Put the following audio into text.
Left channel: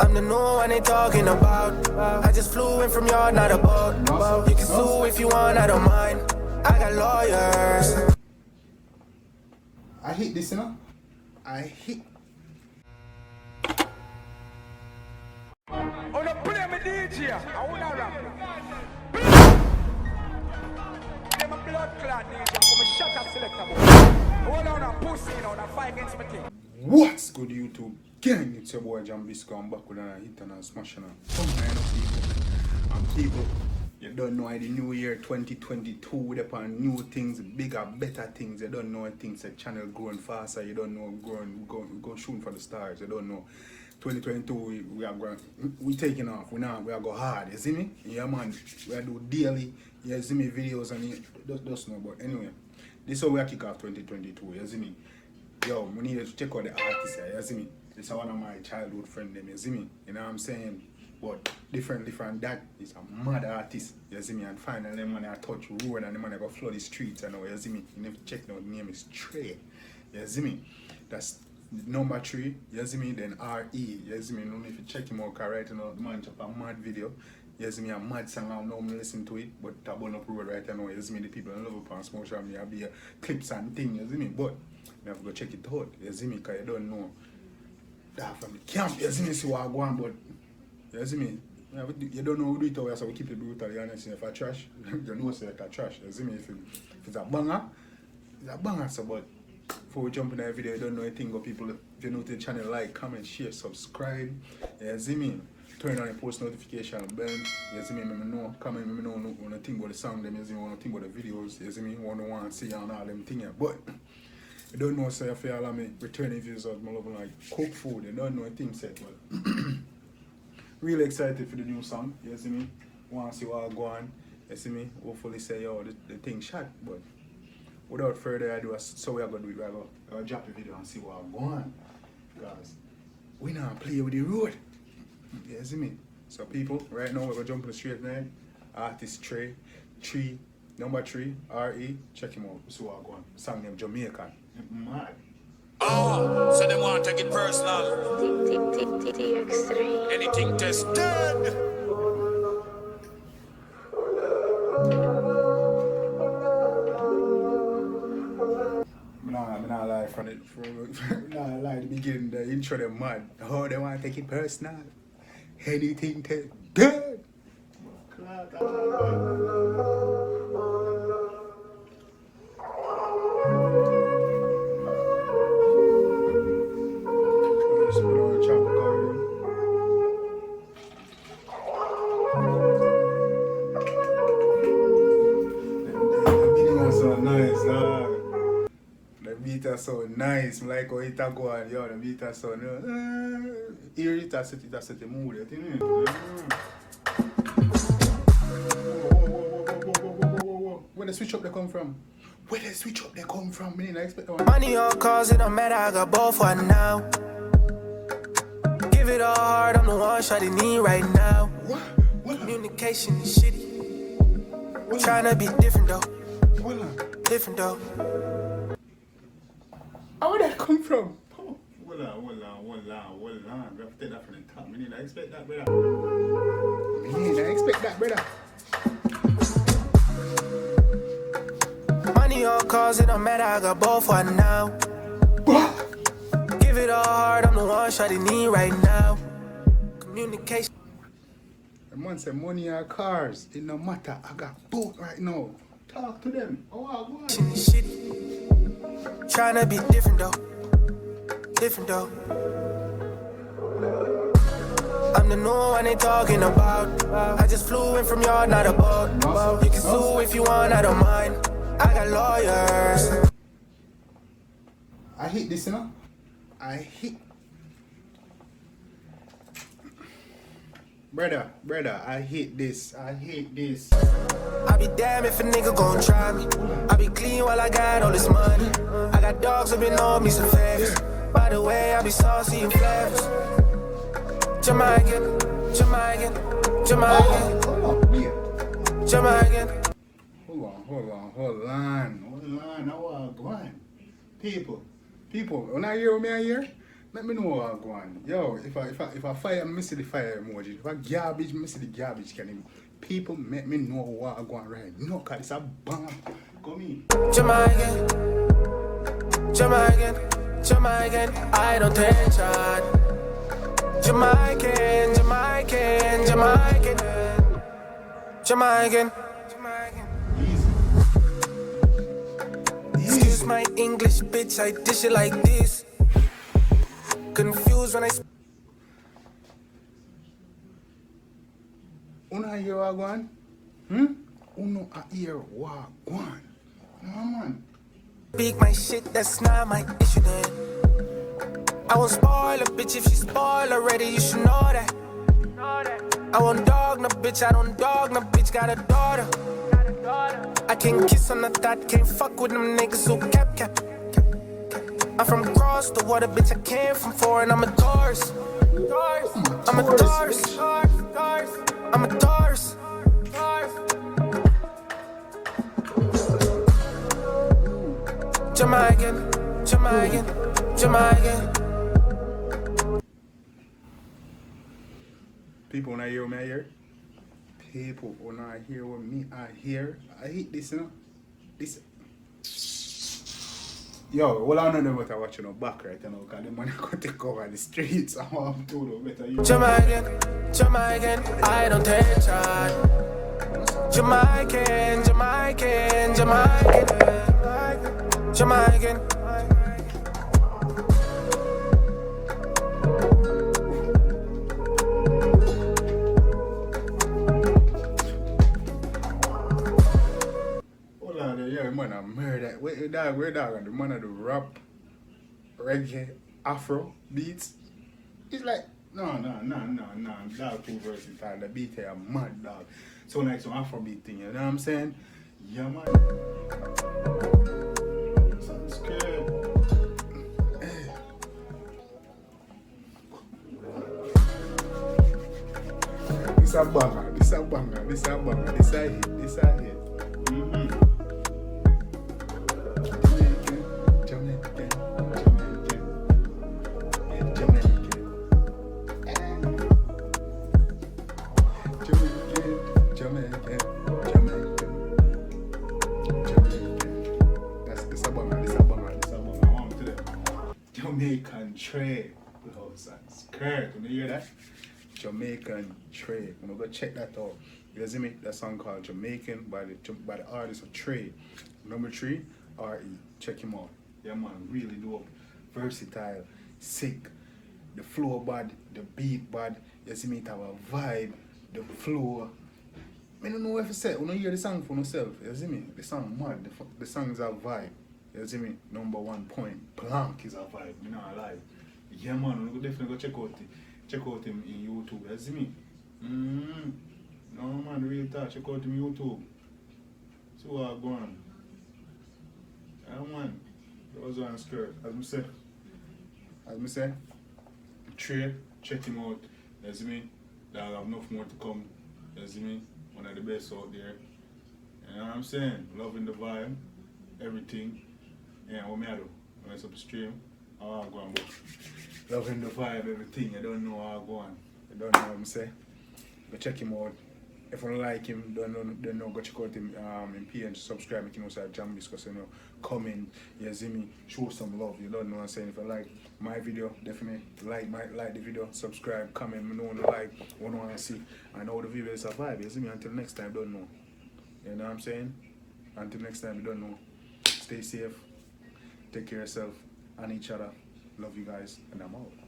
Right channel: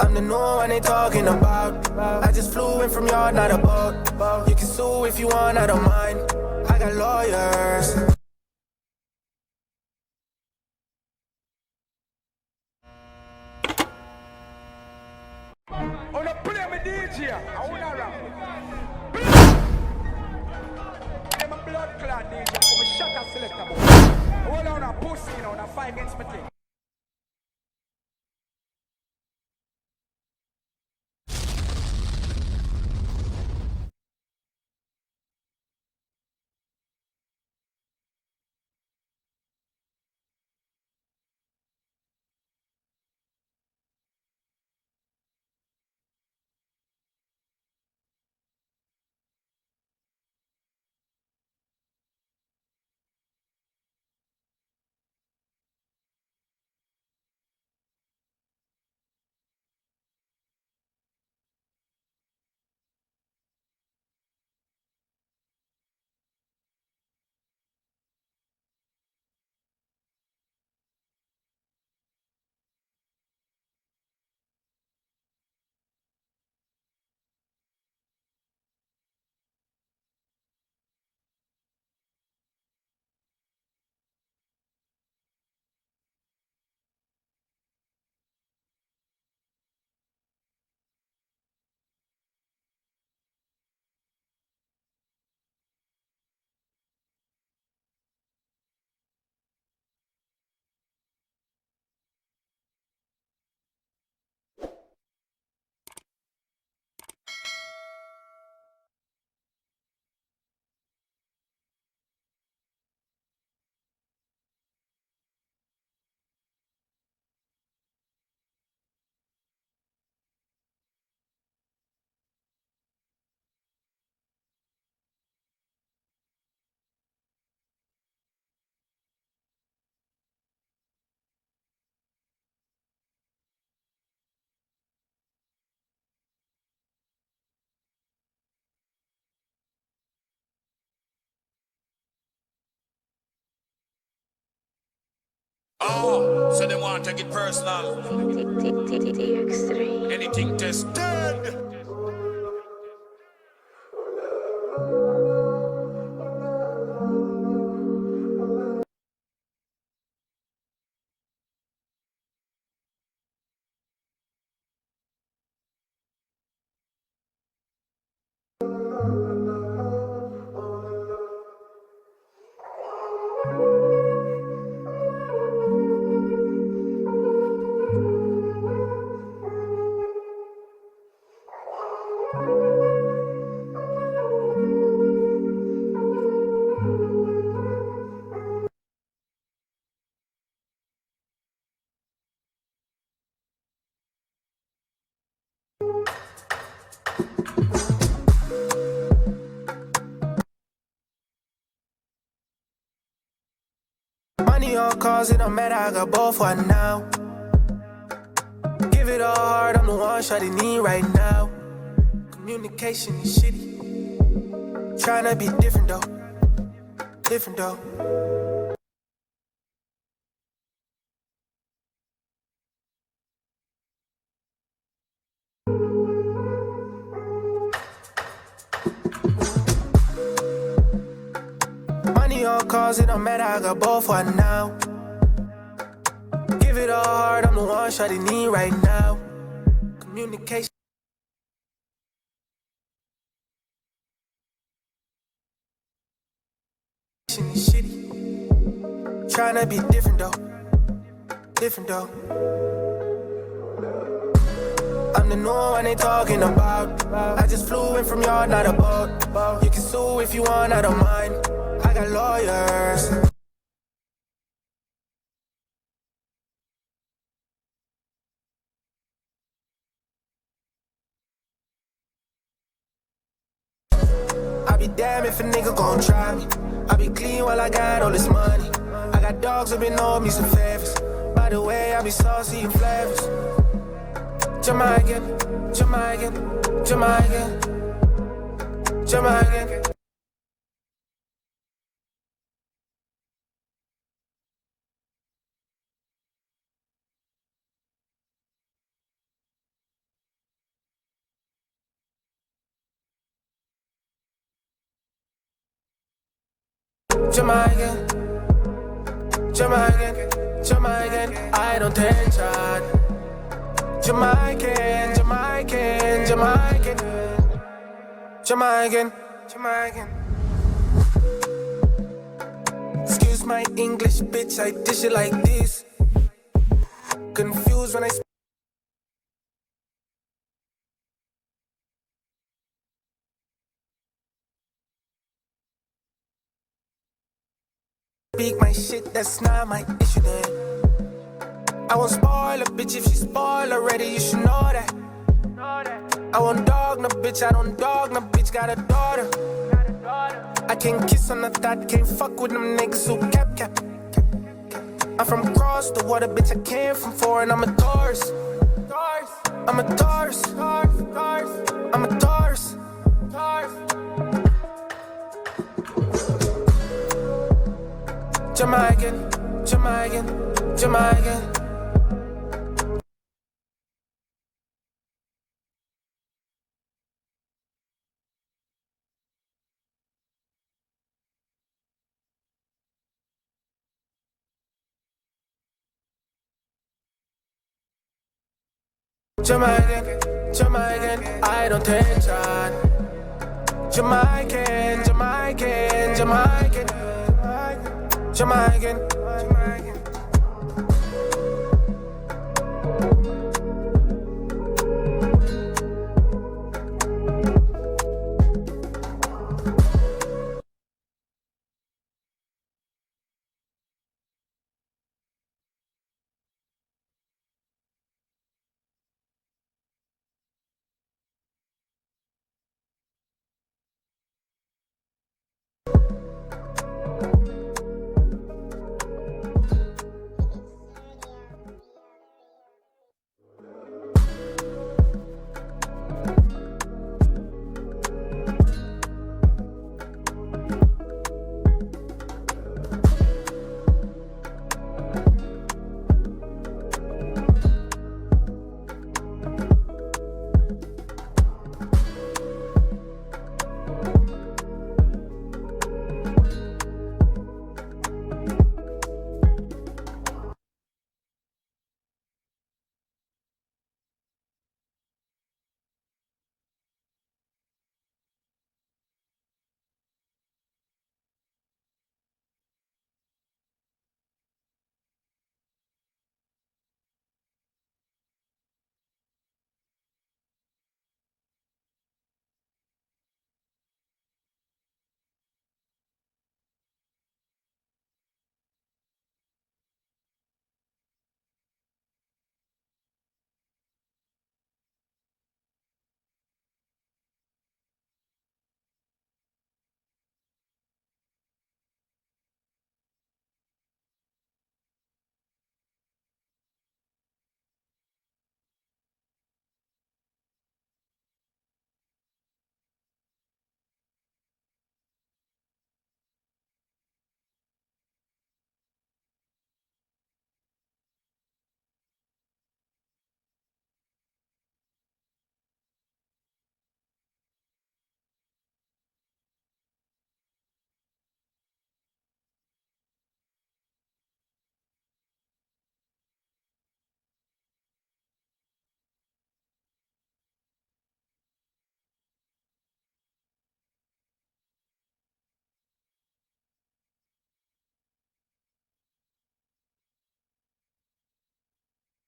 I'm the new one they talking about. I just flew in from yard, not a boat. You can sue if you want, I don't mind. I got lawyers. I hate this, you know. I hate. Oh no, play me DJ. I wanna rap. I'm a blood clot DJ. I'm a shot a selector boy. Hold on a pussy, you know, on a fight against my thing. What's good, YouTube gang? It's your boy Jambisco. I'm back with another hit and a smashing on. People, you don't know the new year 2022 with upon new things, bigger, better things. You don't know things. The channel growing faster. You don't know go shooting for the stars. You don't know. 2022 we are going, we taking off. We are go hard. You see me? Yeah man. We are do daily. You see me videos and you just know. But anyway, this is how we are kick off 2022. You see me? Yo, we need to check out the artists here, you see me? This is one of my childhood friends, you see me? You know what I'm saying? But different, that is a mad artist, you see me? And finally, them man I touch road and them man I go flood the streets, you know, you see me? You need to check now, the name is Trey, you see me? That's number 3, you see me? Then R.E., you see me? You know, if you check him out, right now, the man chop a mad video, you see me? A mad song, I don't know listen to it, but I burn up road right now, you see me? The people in love upon social media, be clips and things, you see me? But you have to go check it out, you see me, because you don't know that from the camp, you see me, see what I go on, but you see me, you don't know who do it over, so we keep it brutally honest. If I trash, you know it's like a trash, you see me, if it's a banger, it's a banger, so but before we jump in that video, you don't know anything about people, if you're new to the channel, like, comment, share, subscribe, you see me, turn on the post notification bell, you see me, let me know, comment, let me know when I think about the song, them, you see me, when I think about the videos, you see me, want to see and all them things, but you don't know, so if you allow me returning views of my love like cook food, you don't know a thing set, but really excited for the new song, you see me? Want to see what I go on, you see me? Hopefully say, yo, the thing shot, but without further ado, so we are going to do it, we're going to drop the video and see what I go on, because we not play with the road, you see me? So people, right now we're going to jump in the straight line, artist Trey, number 3, R.E., check him out, see what I go on, song named Jamaican. Mad. Oh, so they want to take it personal. DX3. Anything tested. I'm not lie from it. Nah, lie the beginning, the intro, them mad. Oh, they want to take it personal. Anything tested. So nice, like how it go on, yo, the beat is so here it has set the mood, you know? Where the switch up they come from? Where the switch up they come from? I didn't expect one. Money or cause, it don't matter, I got both for now. Give it all hard, I'm the one shawty need right now. Communication is shitty. Tryna be different though. How would that come from? Oh, hold on. We have to take that from the top. We didn't expect that, brother. Money or cause, it don't matter, I got both for now. Give it all hard, I'm the one shawty need right now. Communication. The man say money or cars, it no matter. I got both right now. Talk to them. Oh, Is shitty. Tryna be different though. I'm the new one they talking about. I just flew in from yard, not a boat. You can sue if you want, I don't mind. I got lawyers. I hate this, you know? I hate. Brother, I hate this. I be damn if a nigga gon' try me. I be clean while I got all this money. I got dogs that been on me some favors. By the way, I be saucy and flavors. Jamaican. Hold on. Now what going? People, when I hear me here, Let me know what I'm going. Yo, if I fire, me see the fire emoji. If I garbage, me see the garbage. Can you, people make me know what I'm going right? No, cause it's a bomb. Come in. Jamaican, Jamaican, Jamaican, I don't take shot. Jamaican, Jamaican, Jamaican, Jamaican, Jamaican. Excuse my English, bitch, I dish it like this. Confused when I Una hear what going? Uno a hear what going? No man. speak my shit, that's not my issue then. I won't spoil a bitch if she spoil already, you should know that. I won't dog no bitch, I don't dog no bitch, got a daughter. I can't kiss on the thought, can't fuck with them niggas who cap. I'm from across the water, bitch, I came from foreign, I'm a tourist. I'm a tourist. I'm a tourist. Jamaican, Jamaican, Jamaican. People when I hear me I hear. People when I hear what me I hear. I hate this, you know. This. Yo, well I don't know what I watch no back right now, because the money could take over the streets. I want to do better. Jamaican, Jamaican, I don't take shot. Jamaican, Jamaican, Jamaican, Jamaican, Jamaican. Hold on there, yeah, man, I murder. Where dog, and the man of the rap, reggae, afro beats. It's like, no, dog too versatile. The beat here mad dog. So like some afro beat thing, you know what I'm saying? Yeah, man. Sounds good. This a banger, this a banger, this a banger, this a hit, this a hit. Jamaican trade. Skirt. You hear that? Jamaican trade. I'm gonna go check that out. You see me? That song called Jamaican by the artist of Trade. Number 3, R.E. Check him out. Yeah man, really dope. Versatile, sick. The flow bad, the beat bad. You see me? It have a vibe. The flow. I don't know what to say. You don't hear the song for yourself. You see me? The song mad. The song is a vibe. You see me? Number 1 point. Blank is a vibe. You know I lie. Yeah man, you definitely go check out him in YouTube. You see me? No man, real talk. Check out him YouTube. See what I'm going. Yeah man. Those one skirt. As me say. Trey, check him out. You see me? There'll have enough more to come. You see me? One of the best out there. You know what I'm saying? Loving the vibe. Everything. Yeah, what me I do? When it's upstream, how I go on. Loving the vibe, everything. I don't know how I go on. You don't know what I'm saying? Go check him out. If you don't like him, don't know, go check out him in PN, subscribe, you know, Jambisco, so you know, comment, you see me, show some love, you don't know what I'm saying. If you like my video, definitely like the video, subscribe, comment, me know what you like, what you want to see, and how the video is survive, you see me, until next time, don't know. You know what I'm saying? Until next time, you don't know. Stay safe, take care of yourself and each other. Love you guys, and I'm out.